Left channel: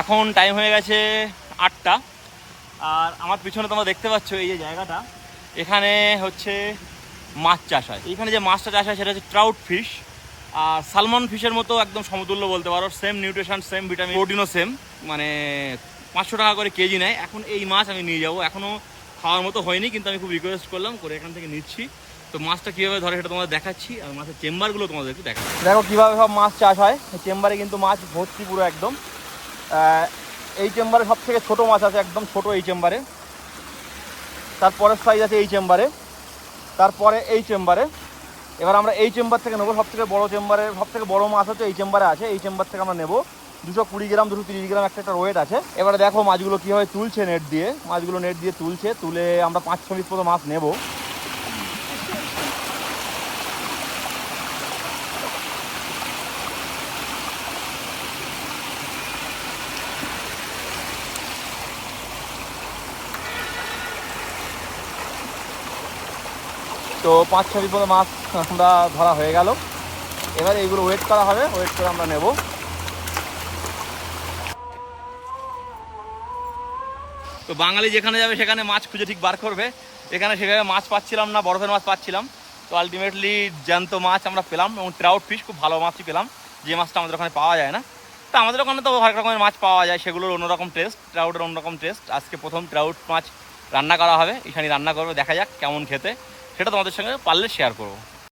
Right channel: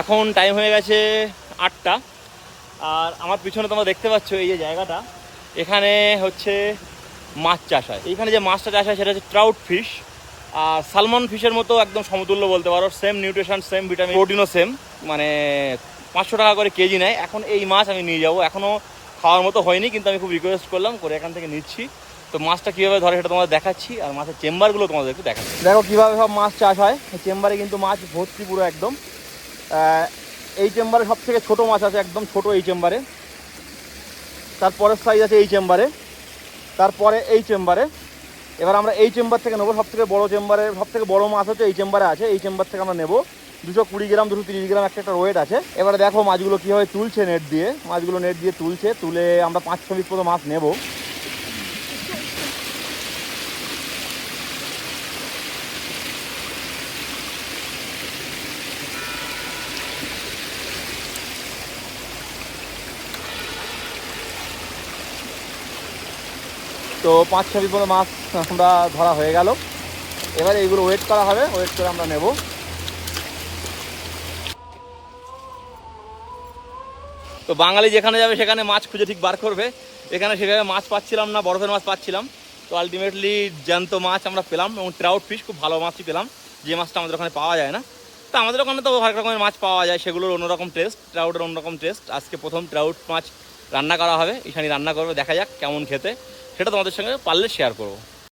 এখন টাইম হয়ে গেছে আটটা। আর আমার পিছনে তোমরা দেখতে পাচ্ছ এই যে জায়গাটা। এখানে হচ্ছে মাছ চাষ হয়। এইখানে যে মাছটা চাষ হয় সেটা হচ্ছে ট্রাউট ফিশ আর সালমন ফিশের মতো একদম সমতুল্য বলতে পারো। সেম নিউট্রিশন সেম ভিটামিন প্রোটিনও সেম মানে পাঁচশো টাকা করে কেজি নেয়। এখন এই মাছ আমি নিয়ে যাব। এখনও খাওয়ার মতো হয়নি, কিন্তু আমি খুব রিকোয়েস্ট করলাম। করে এখান থেকে নিচ্ছি। তো মাছটা কীভাবে ধরে সেটা তোমাদের দেখাচ্ছি। আর মাছের চেম্বারগুলো তোমাদের একটু দেখাচ্ছি। দেখো কীভাবে সব মাছ চাষ হয়। চেম্বারে কিন্তু মাছ ভর্তি পুরো একদম। এই চেম্বারে সব থেকে ছোটো মাছ আছে, একদম ছোট এই চেম্বারে। তারপরের সাইজ আছে এই চেম্বারে। তারপরে এই চেম্বারে। এবার আমরা এই চেম্বার থেকে নেব সব থেকে বড়ো চেম্বারে সব থেকে বড়ো মাছ হচ্ছে এই চেম্বারে আছে, এই চেম্বার থেকে আমরা নেব। দুশো কুড়ি গ্রাম, দুশো তিরিশ গ্রাম একটা একটা ওয়েট আছে। এবারে দেখো মাছগুলো কীভাবে তুলছে নেট দিয়ে। মাছগুলো নেট দিয়ে তুলছে, তুলে আমরা পাঁচ ছ মতো মাছ নেব। তো পাঁচ ছ মতো মাছ আমরা ধরা হয়ে গেল। এবার এইগুলো ওয়েট করা হবে ওয়েট করে আমরা নেব। তো বাঙালি যেখানে যাবে সেখানে মাছ খুঁজে ঠিক বার করবে। এখানে সেখানে মাছ পাচ্ছিলাম না, বরফের মাছ পাচ্ছিলাম। তো আলটিমেটলি জ্যান্ত মাছ আমরা পেলাম এবং ট্রাউট ফিশ খুব ভালো মাছই পেলাম। যে মাছটা আমাদের ওখানে পাওয়া যায় না। তো আমাদের ওখানে তো হরেক রকমের মাছ পাওয়া যায়, সেগুলোর অন্যরকম টেস্ট ট্রাউটের অন্যরকম টেস্ট আজকে প্রথম ট্রাউট মাছ রান্না করা হবে এখানে রান্না করবে, দেখা যাক কেমন খেতে। সেটা তোমাদের সঙ্গে পারলে শেয়ার করব।